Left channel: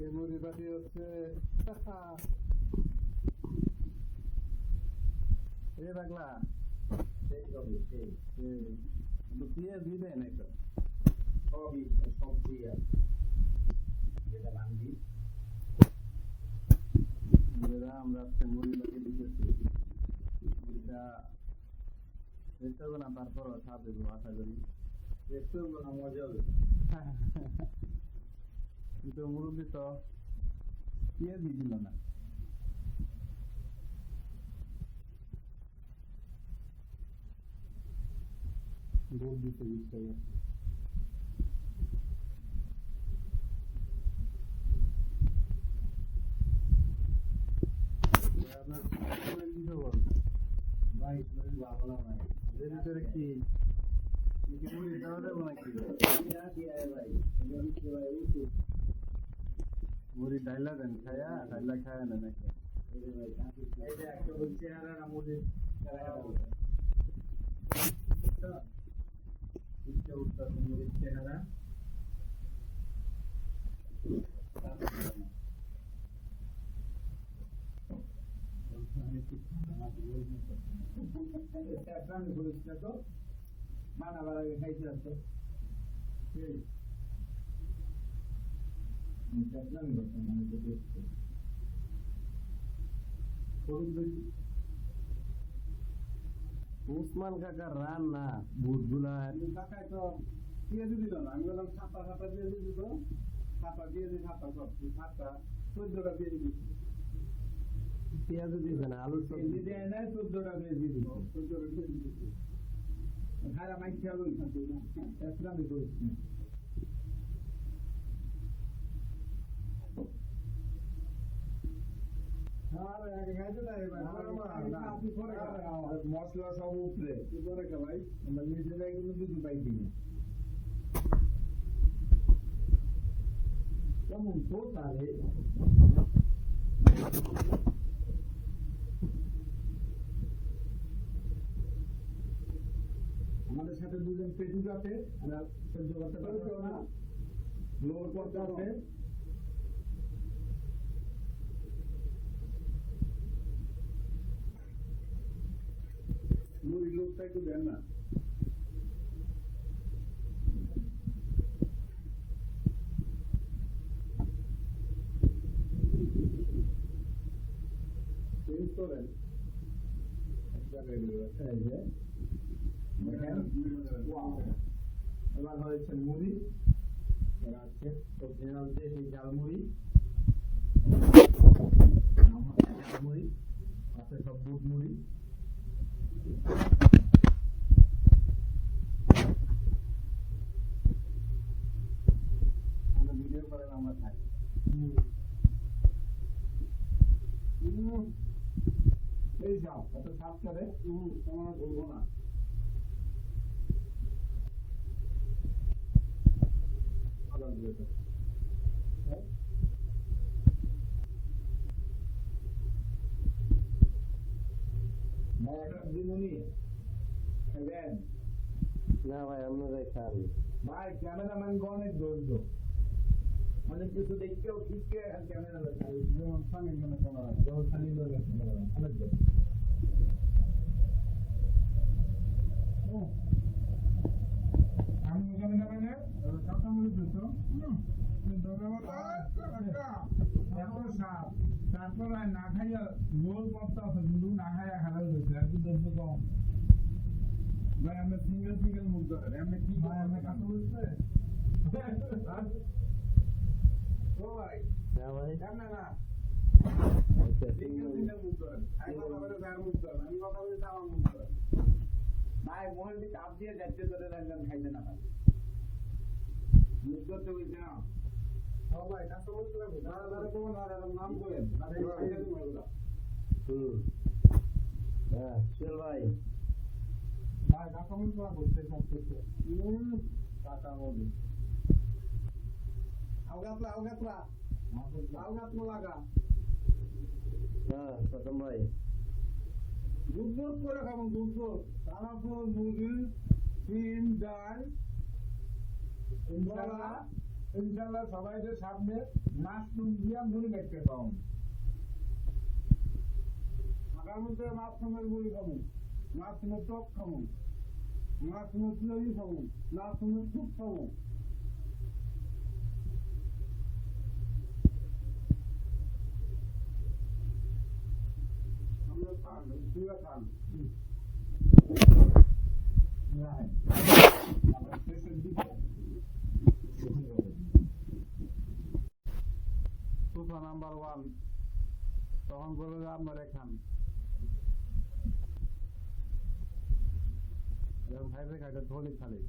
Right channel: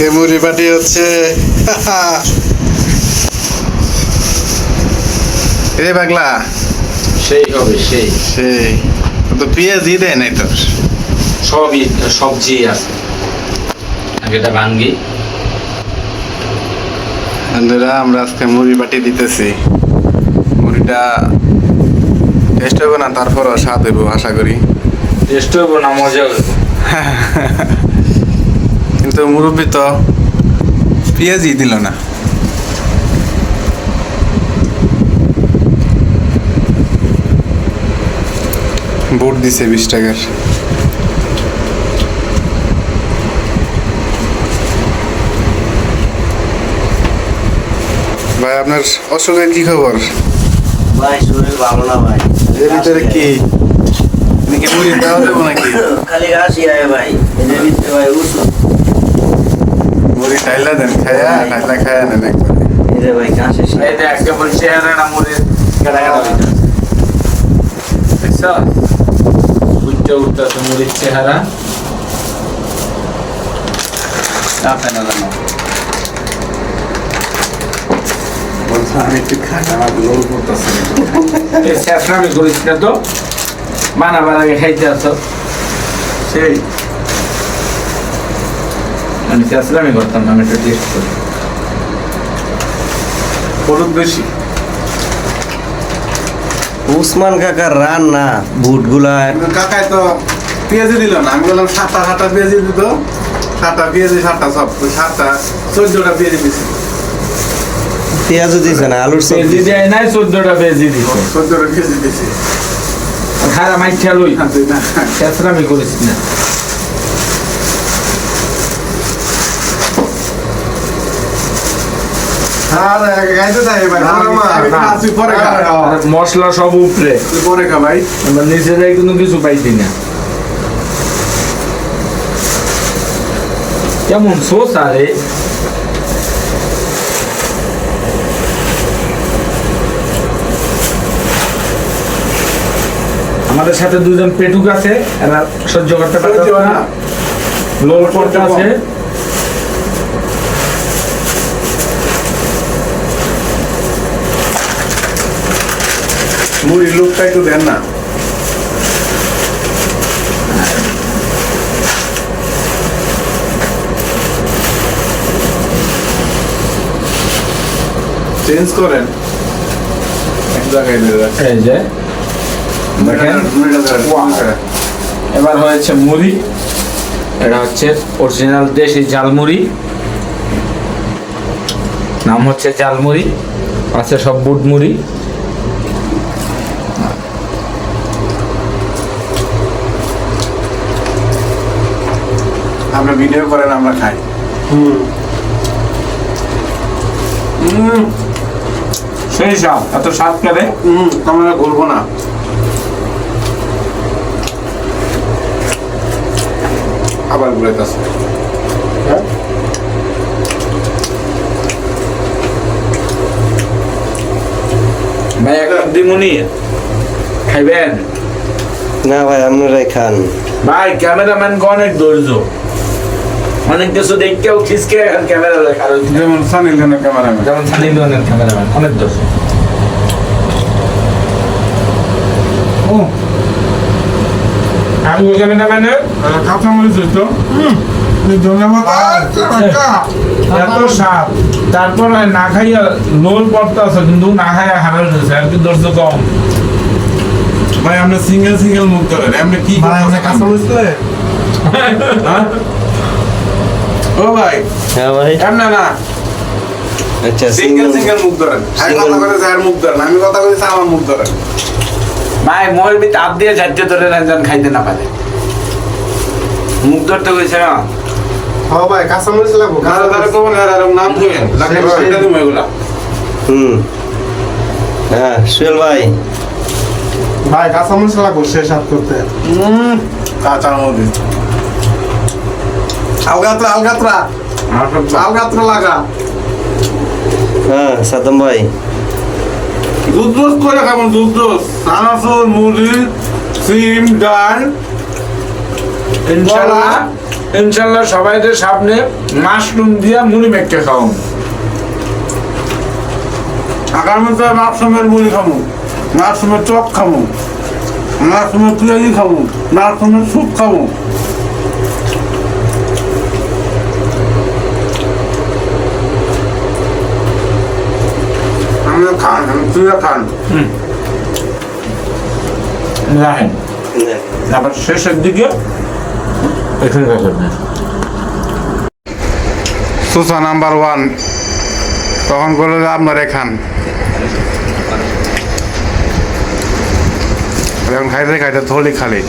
আজকে মুড়ি পাটি হচ্ছে। রে পাগলা, সেই হবে সেই সেই তো পেঁয়াজই দেয় নাই তোর। সবই সবজি আছে। আগে এটা ভাঙ্গি। বন্ধুরা, আমরা আজকে মুড়ি পাটি দিতেছি। মুড়িটা টেস্ট হবে না, তারপরও স্বাদ হইব আশা করি। টেস্ট হইব না, মজা হইব। কিন্তু মুরব্বি তো পেঁয়াজই দিল না। বুট দিছে 20 টাকার। ভাই, আপনার অসুখের কি খবর? ভাই শরীর ভালো না ভাই। এর ভিতরে কি নাকি মুড়ি দেওয়া দেবো নাকি? খালি হাসি আয় ভাই, এদের ভিতরে ভাই ওষুধ। মুড়ি টাইলা দেন, খায়া টাইলা খায়া নেন একবারে। এদের ভাই কাশে এই যে আজকে বলছি চেহারাটা মুড়ির কাটা কাটা হইতাছে। দেখছো? উঠতে উঠতেছে মুড়ির চেহারা। চাপে না জানো। বলছো আমি একটু খাটা আমার লোল করতেছি। এই স্যাফরামি করিস না তো। বানাবার আগে খাইতে আসো। সেই আমি স্যাফরামি করতাম না, আমি একটু টেস্ট করি। হলুদ বেশি। উসমান কাকার রান্না বুটগুলা কিন্তু কাকাই তো পেঁয়াজি দিল না। আমি বললাম 7টা পেঁয়াজি দিত, 7টা পেঁয়াজি, 7টা সব 7টা 14টা পেঁয়াজি দিছি। পেঁয়াজও দিছে না, আলুর পেঁয়াজি সবজি দেয় নাই, 14টা পেঁয়াজি দিছে। 14টা পেঁয়াজি দিছি। খারা মাইঠা লই, তুই না স্যাফরামি করিস না। আর গাইতে যাই ভাই, তুই পরে খা। আর মশলা সব উপরে, তুই পরে খা ভাই। আমরা নিজেরাই কোনো কিছু পাইছি না। কেমন সোস আরে। আমাদের সাথে দুজন পেটুক আছে, এরা সহ্য করতে পারছে না। লোল করতে আছে। মুড়ির লোকটা একটু দেন না। চেঞ্জ করেন এক জায়গায় দিয়ে রাখেন। এই যে দেখেন, এবার হয়েছে মুড়ি। এটা হচ্ছে অরিজিনাল দেশি জালমুড়ি, নাম হচ্ছে জালমুড়ি। আছে সব বুট মুড়ি। আমরা ভিডিও করেন, আমরা খাই। সেই স্বাদ, এত স্বাদ করে। আমরা ঘুরবো না। আবার ঘুরাইতেছে। ভাই একটা দিমুনি খাইবেন? না ভাই, আপনারাই খান। ভাই ক্যামেরাম্যান অনেক ধৈর্য, অনেক কিছু দেখতেও খিসকে এখন ক্যামেরা দেখা। যেমন সানি লিওনের ক্যামেরাম্যান। যেমন সানি লিওনের ক্যামেরাম্যান অনেক ধৈর্য। ও আমি ওই ক্যামেরাম্যানের কাঁচা মরিচ হইতো। ধন্যবাদ। এত স্বাদ, তারপর না খাইয়া লোল পড়তে আছে, কিন্তু না খাইয়া হারাল হয়েছে। আর কি ধৈর্য কম। ভাই আমরা সিঙ্গেল সিঙ্গেল মুখ করেন, আমরা কি কাঁচা মরিচ তো? ও ভাই, হ্যাঁ ভাই, এমন না। আচ্ছা সিঙ্গেল সিঙ্গেল মুখ ধরেন। আমি কথা করে যার মুখ ধরেন, আমি কথা কইছি আমার মুখ ধরেন। ভাই মরবি তাপ দিয়ে ঝাড়তে ধরে যেন খাইতে না পারে। মুখ ধরতে হয়েছে না। হ্যাঁ ভাই, কাঁচা মরিচ লাগবো। কাঁচা ধরে তো না, আর নাম কইেন লাগে সেটা তুমি এগুলা। হ্যাঁ সুয়েল ভাই, ভাই কাঁচা মরিচ লাগবো শেষ হাত করতে। কাঁচা মরিচ আলগাত্রা আলগাত্রা আলগাত্রা লাগা। হ্যাঁ সাদম ভাই, দুধ রোজ করে খাবেন। দুধ রোজ, চানাচুর, মুড়ি, সিম, ডাল, ইনশাআল্লাহ ইনশাল্লাহ সবাইদের সামনে মাশরুম দিয়ে মুড়ি মেখে খাওয়াম। আগামীতে মাশরুমের মুড়ি খাবো, মাশরুমের চপ খাবো, মাশরুমের পিঁয়াজি খাবো, মাশরুমের স্যুপ খাবো। আমরা খান, তুইও খান। রাখেন, আবার শেষের দিকে এখানে রাখেন। সুসা নাম্বার 1 তখন বললো যে আপনারা খান। এখন খাইতে খাইতে থলি খালি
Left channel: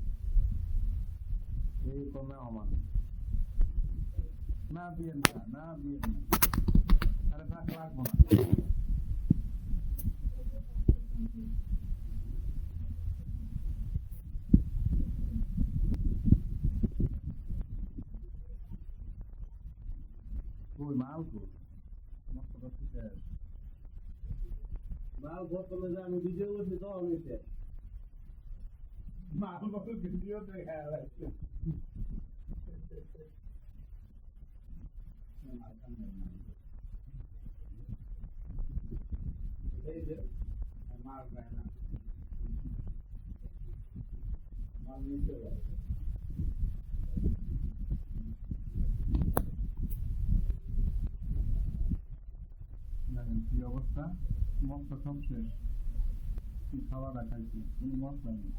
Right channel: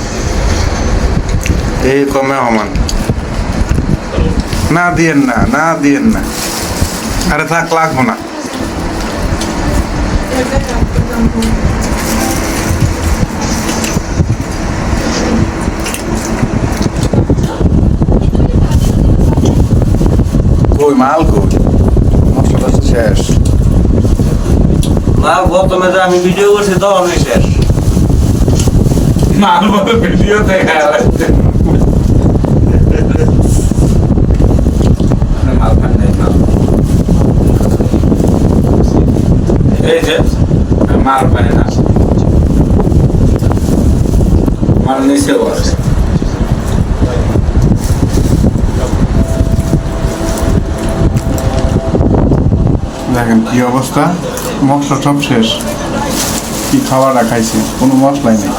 এই কমে সমান। না দিয়েন না, না দিয়েন না, আরে থাক লাগবো না। কই মাল কই, মশলা তো শেষ। মাল প্রথমে যে আমি ভিডিও করছি তখনই শেষ। মাল বলে ভিডিও দেখা যাচ্ছে। মাল খান নাই, মাল এই যে মাল পায় না, মাল নিচেও আছে। দেখেন কি অবস্থা, মশলা সব শেষ। কি খাওয়াটা খাইছে, কোনো মশলাই নেই।